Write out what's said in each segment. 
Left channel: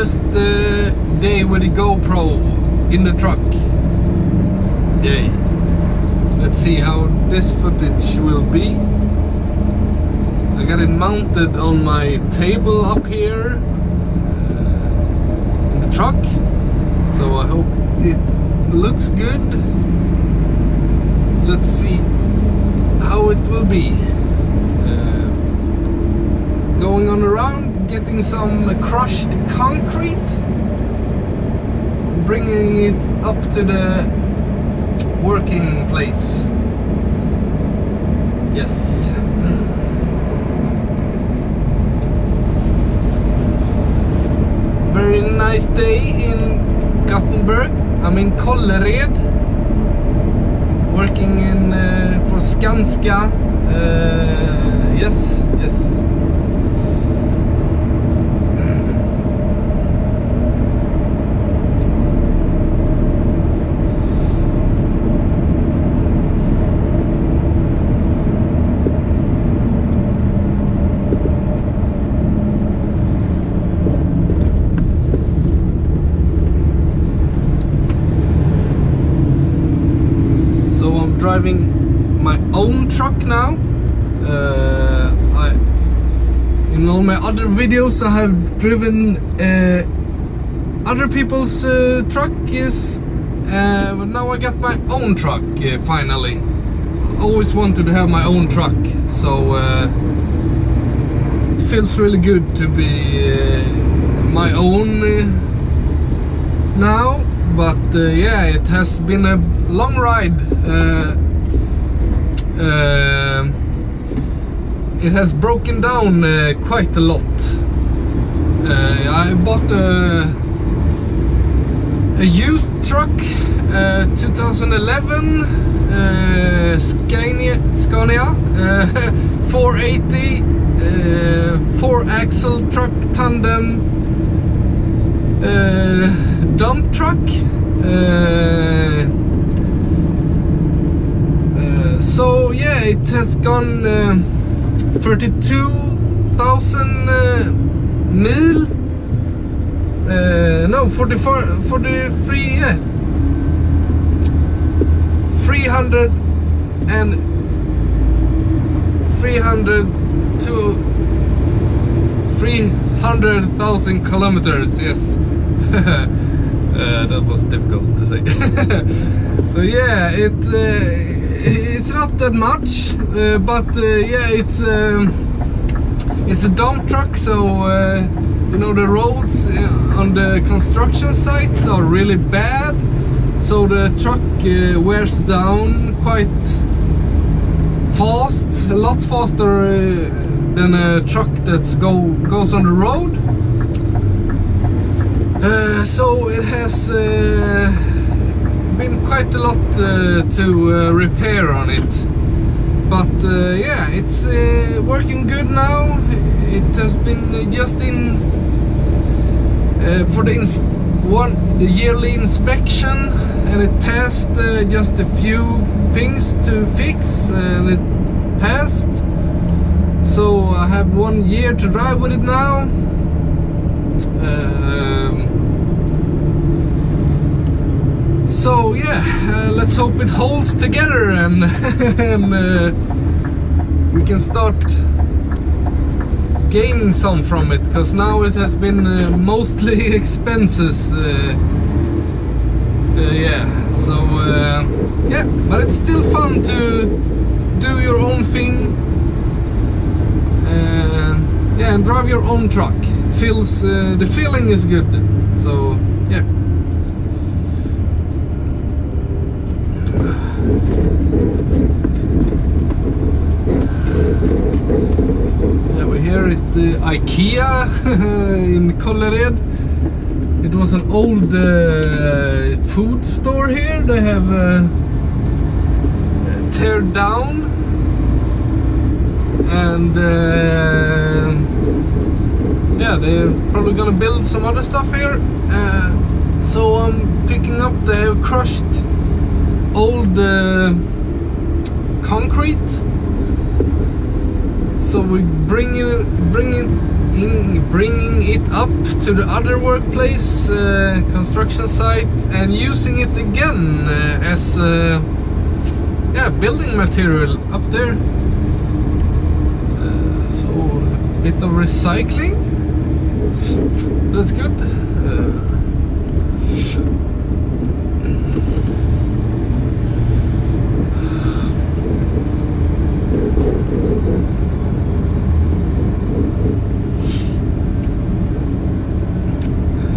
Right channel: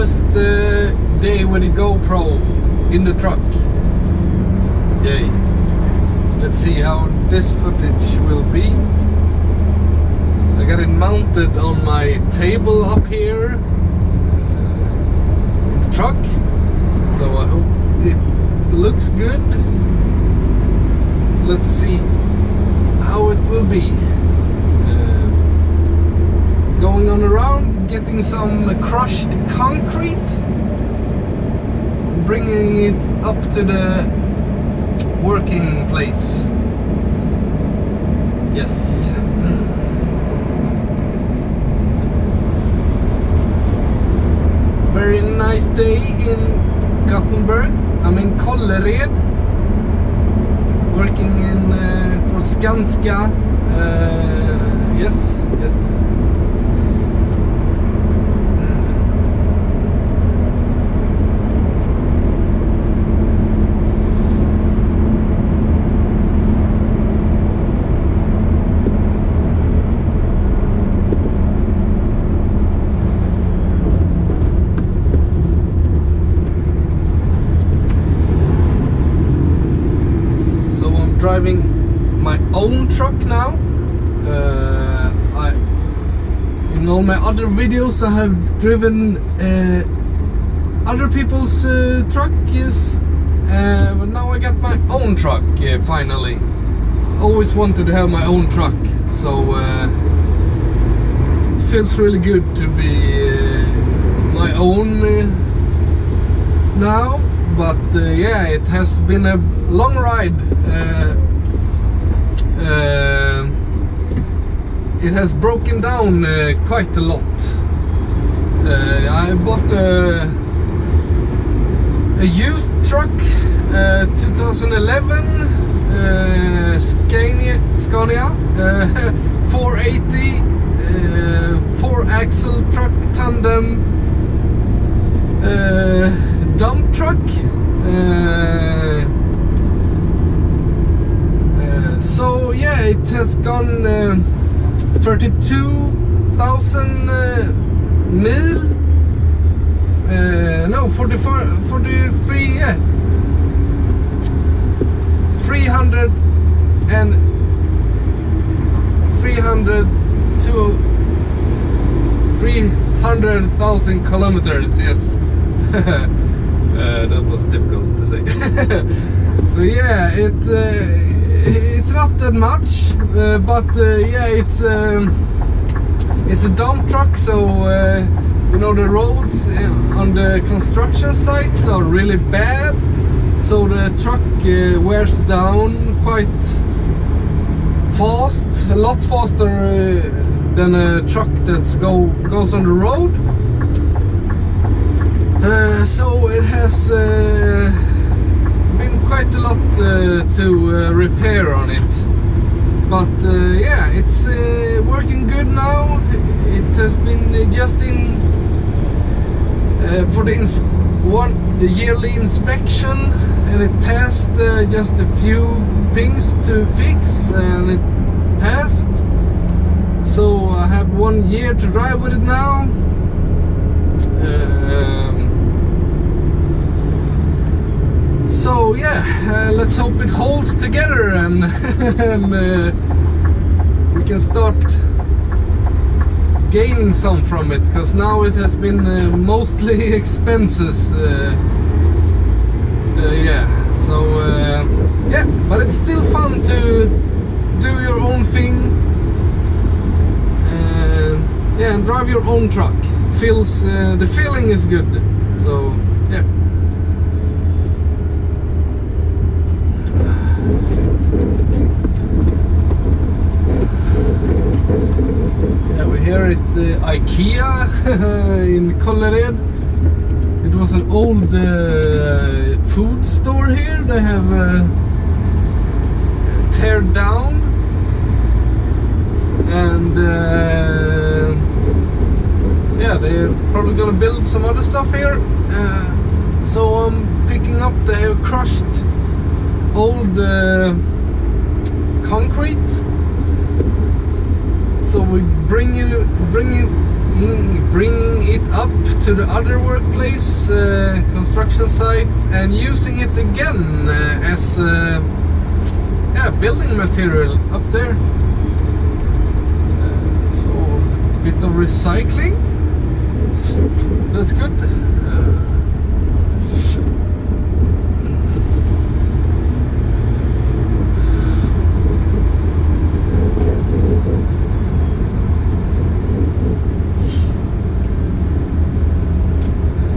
first day with the GoPro in the truck. Yay. Let's see how this footage will be. I got it mounted on my table up here in the truck, so I hope it looks good. Let's see how it will be. Going on around, getting some crushed concrete, bringing it up to the working place. Yes. Very nice day in Gothenburg. I'm in Kållered, working in for Skanska. Yes. Driving my own truck now. In all my other videos I have driven other people's truck, but now I got my own truck finally. Always wanted to have my own truck, so it feels really good to be my own now. But yeah, it has been a long ride. It has broken down quite a lot. I bought a used truck, 2011 Scania 480 4-axle truck, tandem dump truck. So yeah, it has gone 32,000 mil. No, 43, yeah. 300 to 300,000 kilometers, yes. That was difficult to say. So yeah, it's not that much, but yeah, it's a dump truck, so you know, the roads on the construction sites are really bad, so the truck wears down quite fast, a lot faster than a truck that goes on the road. So it has been quite a lot to repair on it, but yeah, it's working good now. It has been just in for the yearly inspection, and it passed just a few things to fix, and it passed. So I have 1 year to drive with it now. So yeah, let's hope it holds together and, we can start gaining some from it, because now it has been mostly expenses. Yeah, so yeah, but it's still fun to do your own thing, yeah, and drive your own truck. It feels, the feeling is good. So yeah. Here at IKEA in Kållered. It was an old food store here. They have teared down, and yeah, they're probably gonna build some other stuff here. So I'm picking up the crushed old concrete. So we bring it bringing it up to the other workplace, construction site, and using it again as building material up there. So a bit of recycling. That's good.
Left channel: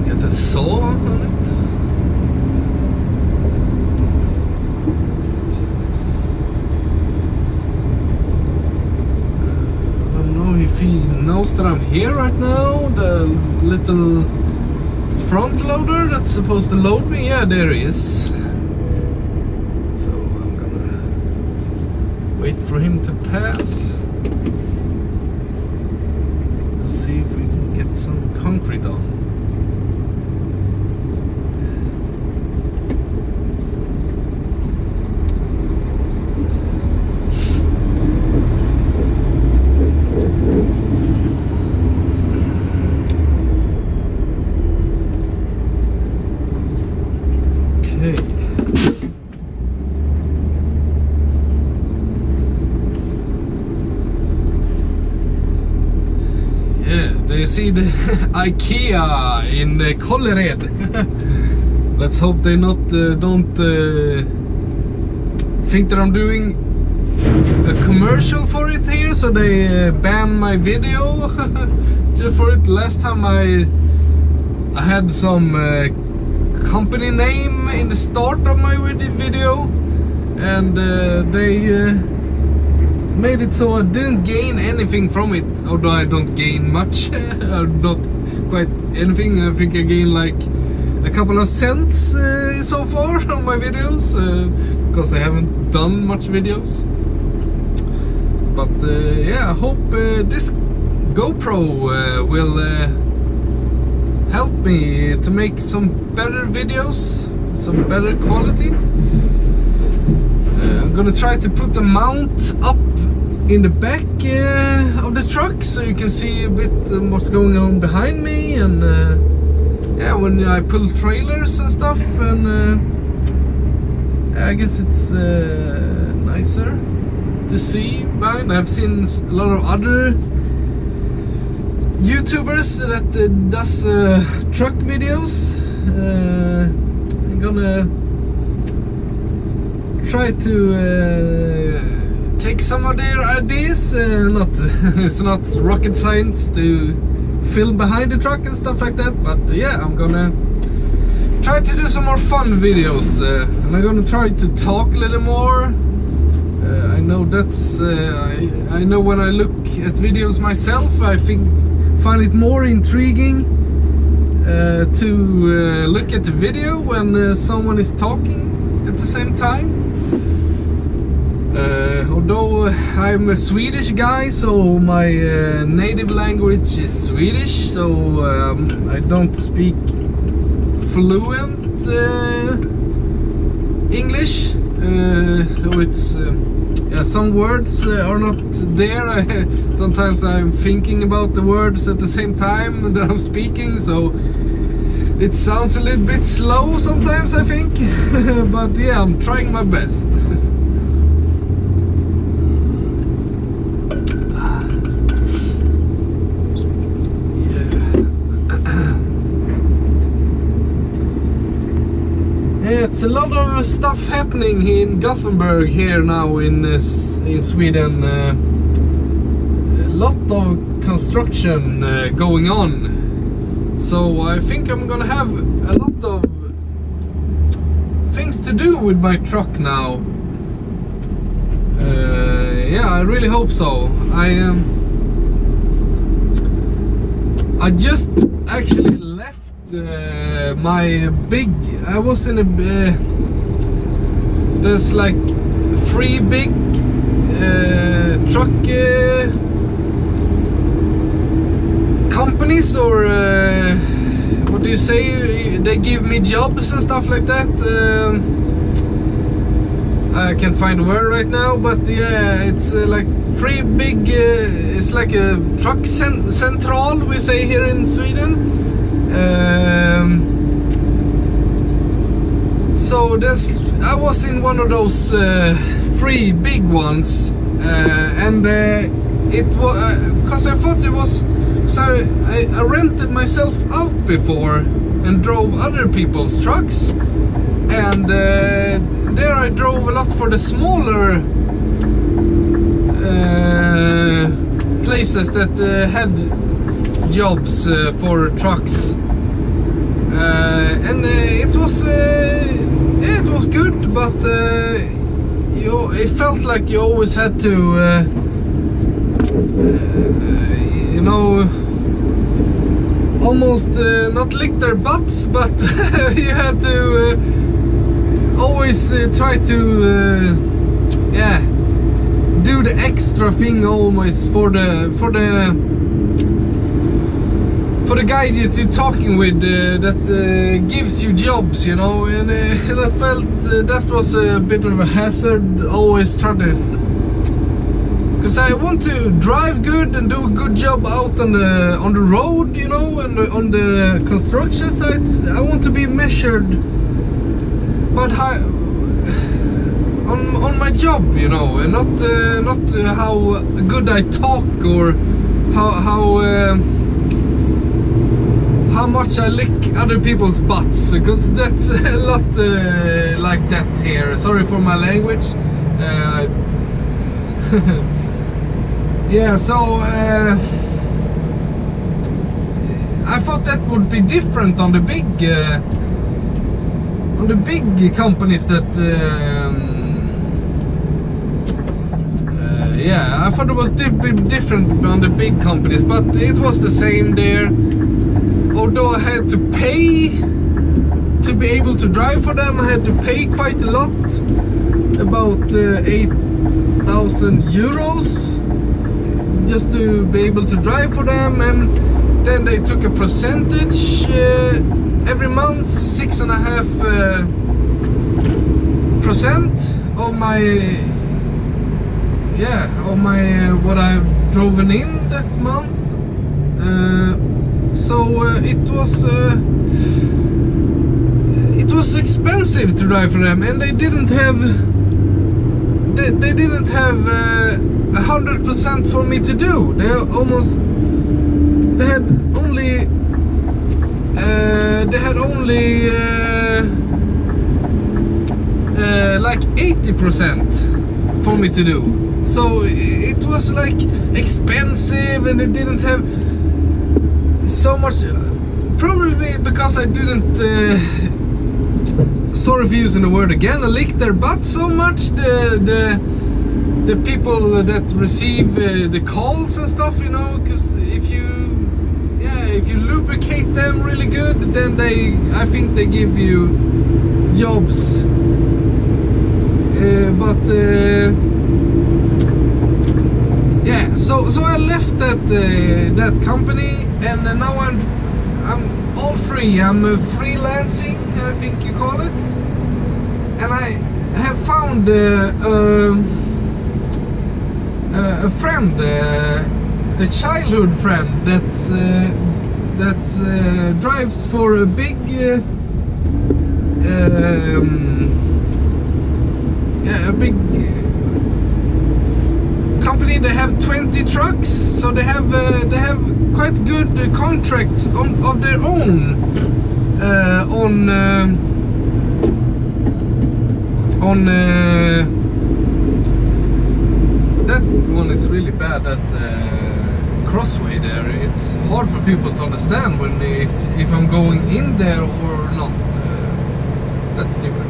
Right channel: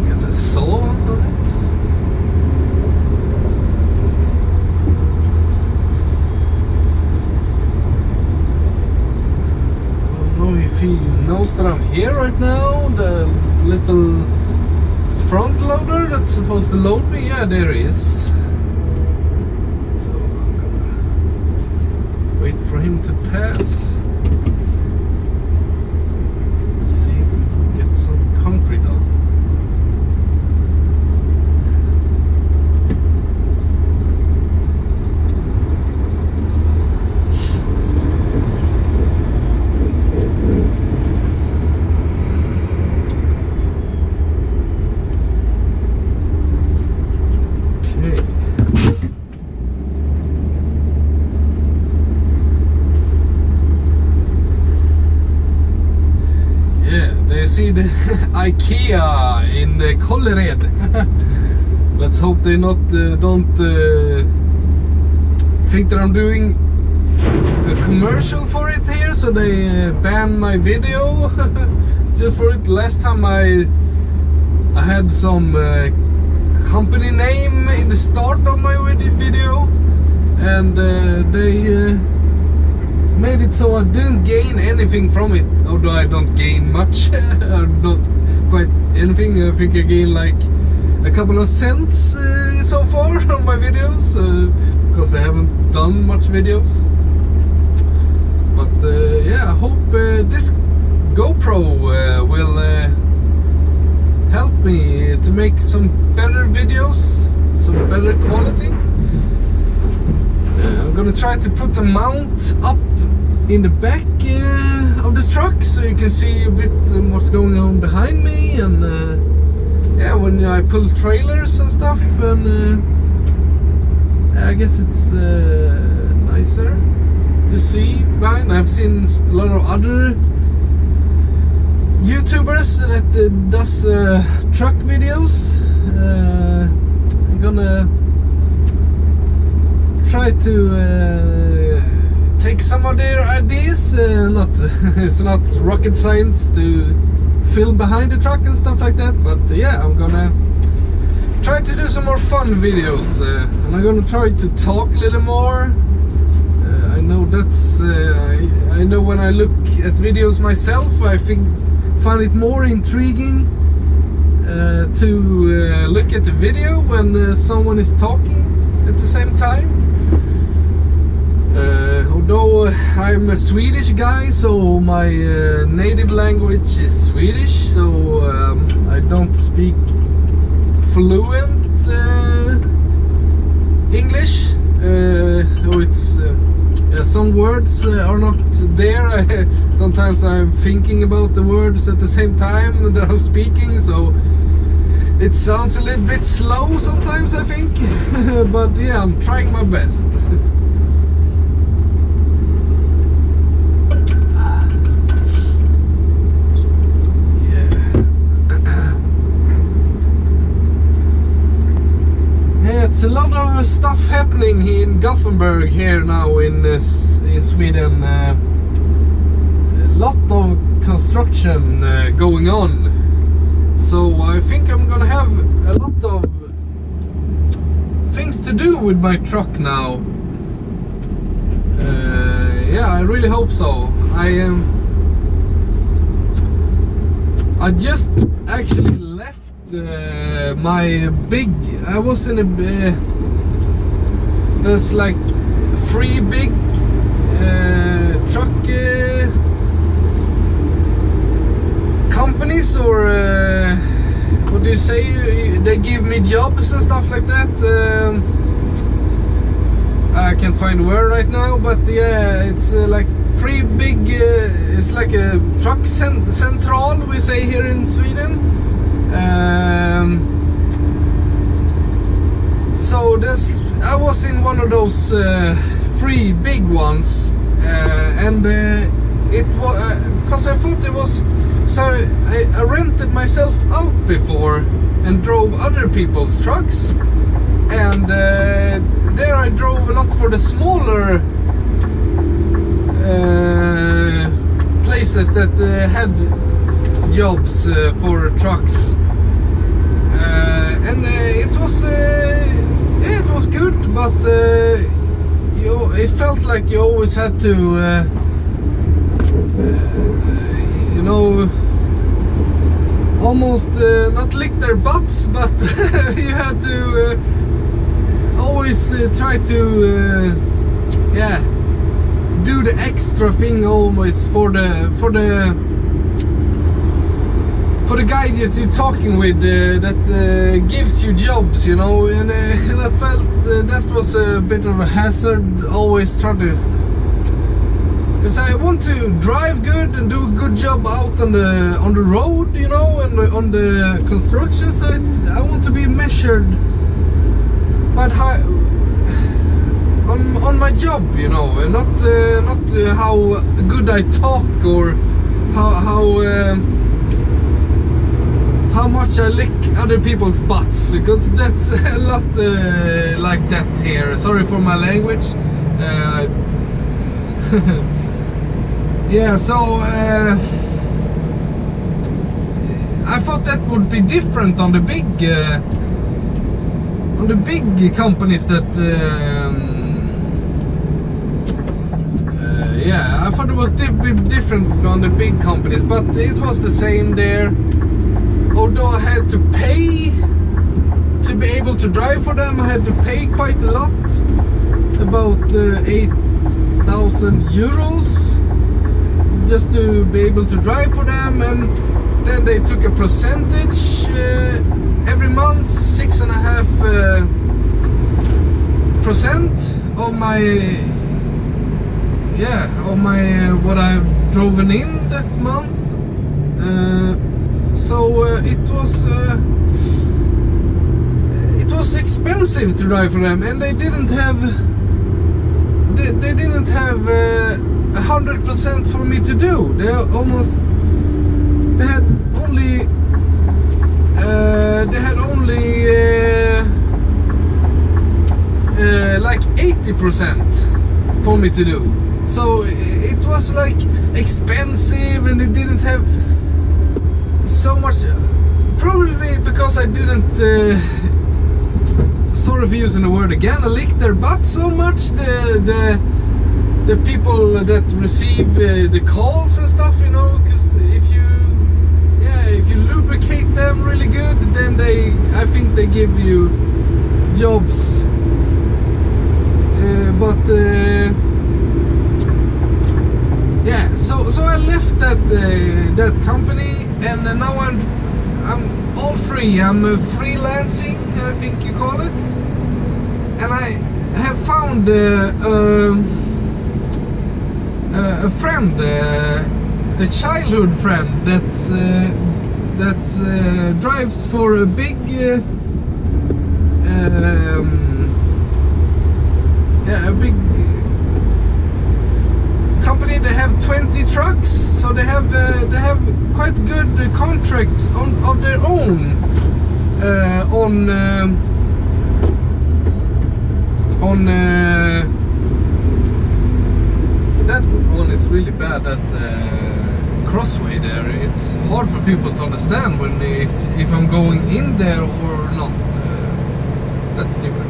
Got a saw on it. I don't know if he knows that I'm here right now. The little front loader that's supposed to load me, yeah, there he is. So I'm gonna wait for him to pass. Let's see if we can get some concrete on. You see the IKEA in Kållered. Let's hope they don't think that I'm doing a commercial for it here, so they ban my video just for it. Last time I had some company name in the start of my video, and they made it so I didn't gain anything from it, although I don't gain much. Or not quite anything. I think I gain like a couple of cents so far on my videos, because I haven't done much videos. But yeah, I hope this GoPro will help me to make some better videos, some better quality. I'm gonna try to put a mount up in the back of the truck, so you can see a bit what's going on behind me, and yeah, when I pull trailers and stuff, and I guess it's nicer to see behind. I've seen a lot of other YouTubers that does truck videos. I'm gonna try to take some of their ideas. It's not rocket science to film behind the truck and stuff like that, but yeah, I'm gonna try to do some more fun videos, and I'm gonna try to talk a little more. I know that's I know when I look at videos myself, I find it more intriguing to look at the video when someone is talking at the same time. Although I'm a Swedish guy, so my native language is Swedish, so I don't speak fluent English. It's yeah, some words are not there. Sometimes I'm thinking about the words at the same time that I'm speaking, so it sounds a little bit slow sometimes, I think. But yeah, I'm trying my best. It's a lot of stuff happening here in Gothenburg here now in Sweden. A lot of construction going on. So I think I'm gonna have a lot of things to do with my truck now. Yeah, I really hope so. I just actually left my big, I was in a there's like 3 big truck companies, or what do you say, they give me jobs and stuff like that. I can't find a word right now, but yeah, it's like three big, it's like a truck central, we say here in Sweden. So I was in one of those three big ones, and it was because I thought it was. So I rented myself out before and drove other people's trucks, and there I drove a lot for the smaller places that had jobs for trucks, and it was good, but it felt like you always had to you know, almost not lick their butts, but you had to always try to yeah, do the extra thing always for the guy that you're talking with, that gives you jobs, you know, and I felt that was a bit of a hazard. Always try to, because I want to drive good and do a good job out on the road, you know, and on the construction sites. I want to be measured, but on my job, you know, and not how good I talk or how much I lick other people's butts, because that's a lot like that here. Sorry for my language. Yeah, so I thought that would be different on the big companies that yeah, I thought it was different on the big companies, but it was the same there. Although I had to pay to be able to drive for them, I had to pay quite a lot, about 8,000 euros, just to be able to drive for them. And then they took a percentage every month, 6.5% of my, yeah, of my what I've driven in that month. So it was expensive to drive for them, and they didn't have 100% for me to do. They had only like 80% for me to do. So it was like expensive, and it didn't have so much, probably because I didn't sorry for using the word again, I licked their butt so much, the people that receive the calls and stuff, you know, because if you lubricate them really good, then I think they give you jobs, but yeah, so I left that company, and now I'm all free. I'm freelancing, I think you call it, and I have found a friend, a childhood friend that drives for a big a big company. They have 20 trucks, so they have quite good contracts of their own on that one is really bad, that crossway there. It's hard for people to understand when if I'm going in there or not. That's stupid.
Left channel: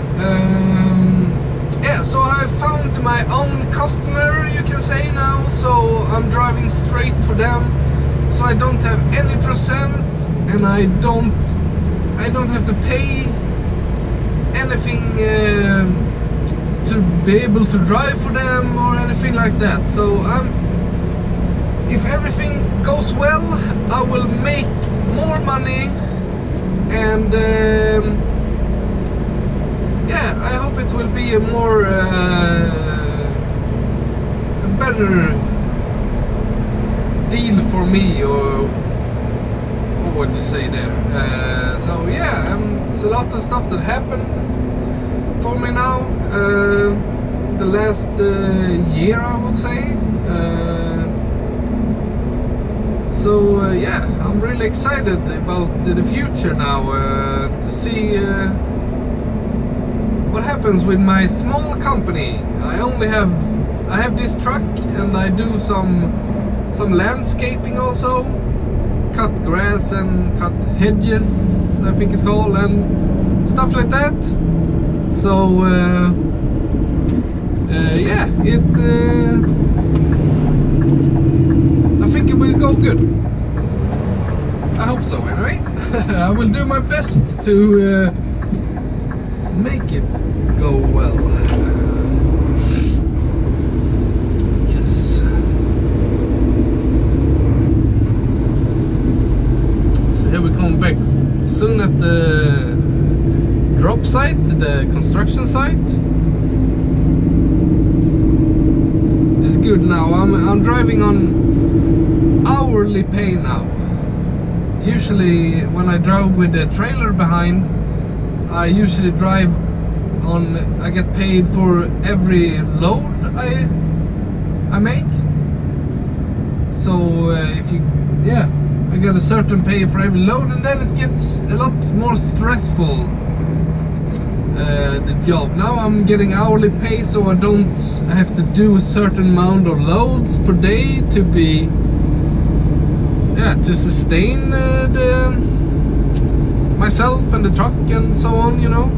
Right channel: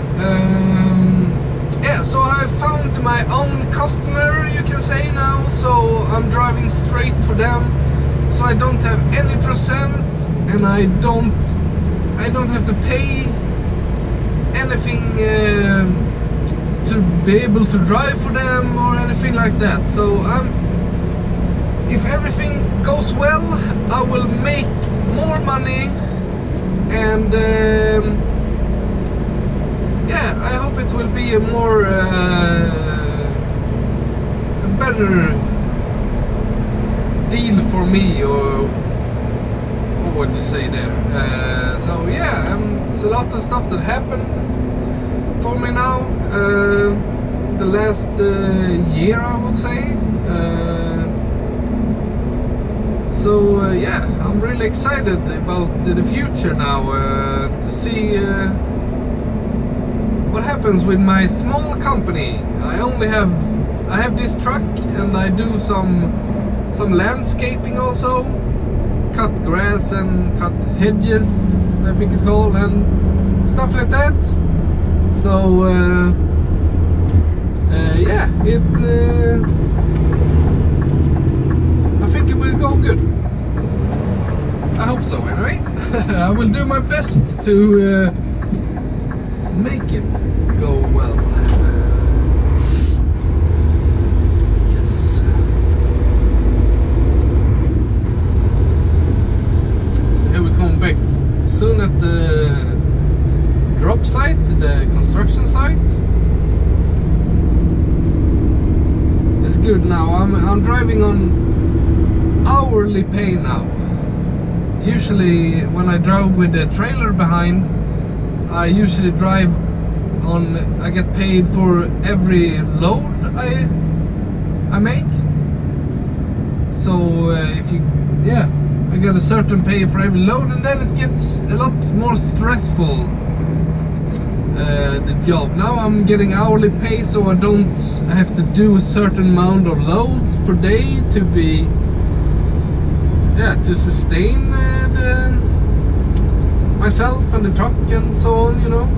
Yeah, so I found my own customer, you can say now, so I'm driving straight for them, so I don't have any percent, and I don't have to pay anything to be able to drive for them or anything like that. So if everything goes well, I will make more money, and yeah, I hope it will be a more a better deal for me, or what you say there. So yeah, it's a lot of stuff that happened for me now the last year, I would say. So yeah, I'm really excited about the future now, to see what happens with my small company. I have this truck, and I do some landscaping also, cut grass and cut hedges, I think it's called, and stuff like that. So yeah, I think it will go good. I hope so, anyway. I will do my best to make it go well. Yes. So here we come back soon at the drop site, the construction site. It's good now. I'm driving on hourly pay now. Usually when I drive with the trailer behind, I usually drive on, I get paid for every load I make. So if you, yeah, I get a certain pay for every load, and then it gets a lot more stressful, the job. Now I'm getting hourly pay, so I don't have to do a certain amount of loads per day to be, yeah, to sustain myself and the truck and so on, you know.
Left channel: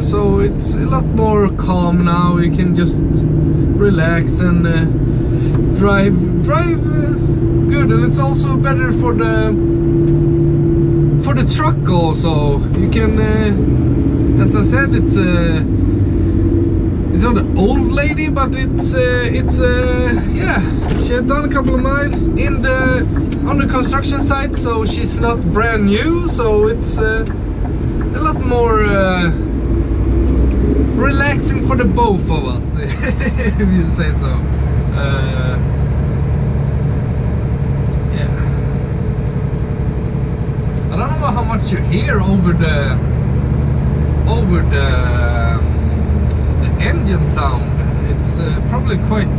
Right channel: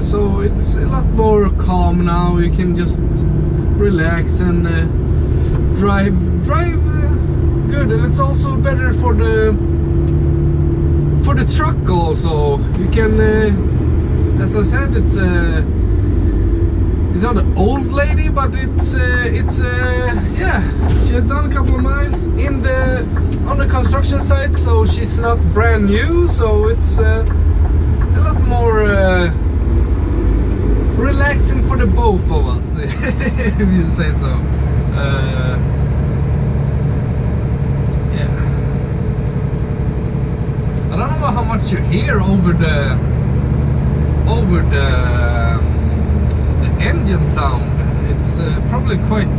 So it's a lot more calm now. You can just relax and drive good, and it's also better for the truck also. You can, as I said, it's not an old lady, but it's yeah, she had done a couple of miles on the construction site, so she's not brand new. So it's a lot more relaxing for the both of us, if you say so. Yeah, I don't know how much you hear over the engine sound. It's probably quite